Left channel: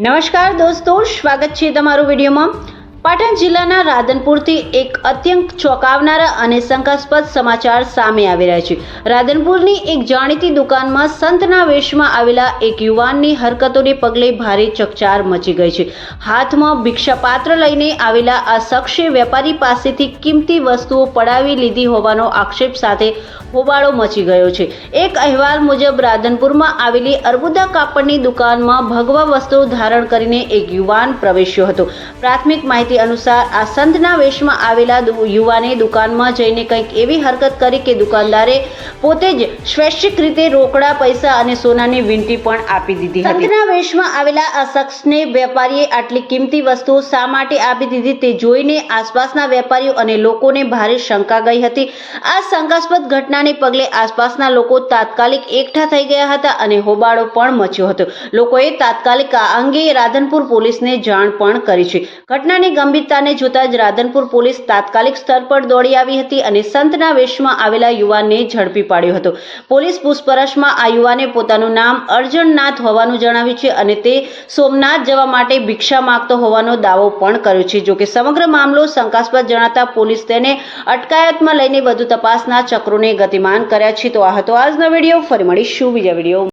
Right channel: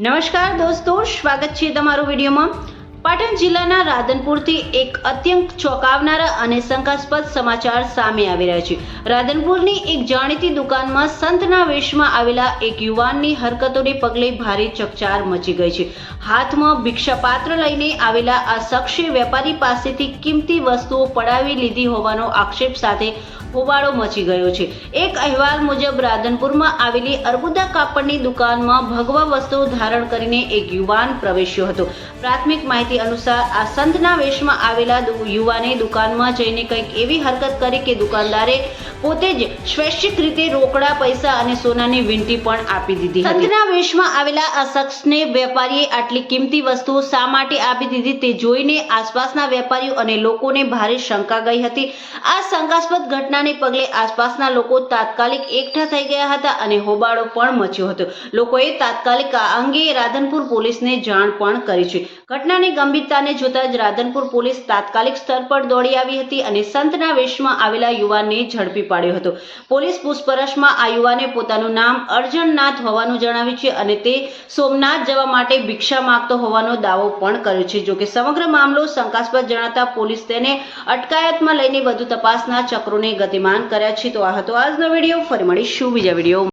નમસ્કાર દોસ્તો, સ્વાગત છે તમારું વિડીયોમાં। પાટણ જિલ્લાના રાધનપુરથી એક અત્યંત ચોંકાવનારા અને શંકાસ્પદ સમાચાર સામે આવી રહ્યા છે। રાધનપુરની એક જાણીતી દુકાનમાં સંતના વેશમાં આવેલા એક યુવાનની હરકતોને પગલે ભારે ચકચાર મચી ગઈ છે। હાથમાં ભિક્ષાપાત્ર લઈને આવેલા આ શખ્સે વેપારી પાસેથી કિંમતી વસ્તુઓ પડાવી લીધી હોવાનો આક્ષેપ સાથે હોબાળો મચી ગયો છે। એક અહેવાલ મુજબ રાધનપુરમાં આવેલી અર્બુદા કાપડની દુકાનમાં ભગવા વસ્ત્રો ધારણ કરીને એક યુવાન પ્રવેશ્યો હતો। પ્રાથમિક માહિતી અનુસાર આ સંતના વેશમાં આવેલા યુવાને દુકાનમાં જઈને કંઈક એવી હરકત કરી કે દુકાનદારે પોતે જ સ્વૈચ્છિક રીતે રોકડા પૈસા અને સોનાની વીંટી પણ આપી દીધી હતી। સંતના વેશમાં આવેલા આ શખ્સને વેપારીએ આટલી કિંમતી વસ્તુઓ શા માટે આપી દીધી તે જોઈને આસપાસના વેપારીઓ અને લોકોને ભારે શંકા ગઈ હતી। આ શંકાસ્પદ ઘટનાને પગલે આસપાસના લોકો તાત્કાલિક એકઠા થઈ ગયા હતા અને હોબાળો પણ મચ્યો હતો। લોકોએ તાત્કાલિક આ અંગે રાધનપુર પોલીસને જાણ પણ કરી છે। ઘટનાની ગંભીરતાને જોતા જ રાધનપુર પોલીસ તાત્કાલિક સ્થળ પર દોડી આવી હતી અને સંતના વેશમાં આવેલા યુવાનને ઝડપી પાડ્યો હતો। પોલીસ પૂછપરછમાં આ યુવાને પોતાનું નામ અર્જણનાથ હોવાનું જણાવ્યું છે અને તે સોમનાથ જવા માટે ભિક્ષા માંગતો હોવાનો દાવો પણ કર્યો છે। જોકે સમગ્ર મામલો શંકાસ્પદ જણાતા પોલીસ તેને અટકાયતમાં લઈને વધુ તપાસના ચક્રોને ગતિમાન કર્યા છે। તો આ હતો આજનો વિડીયો। ફરી મળીશું બીજા વિડીયો।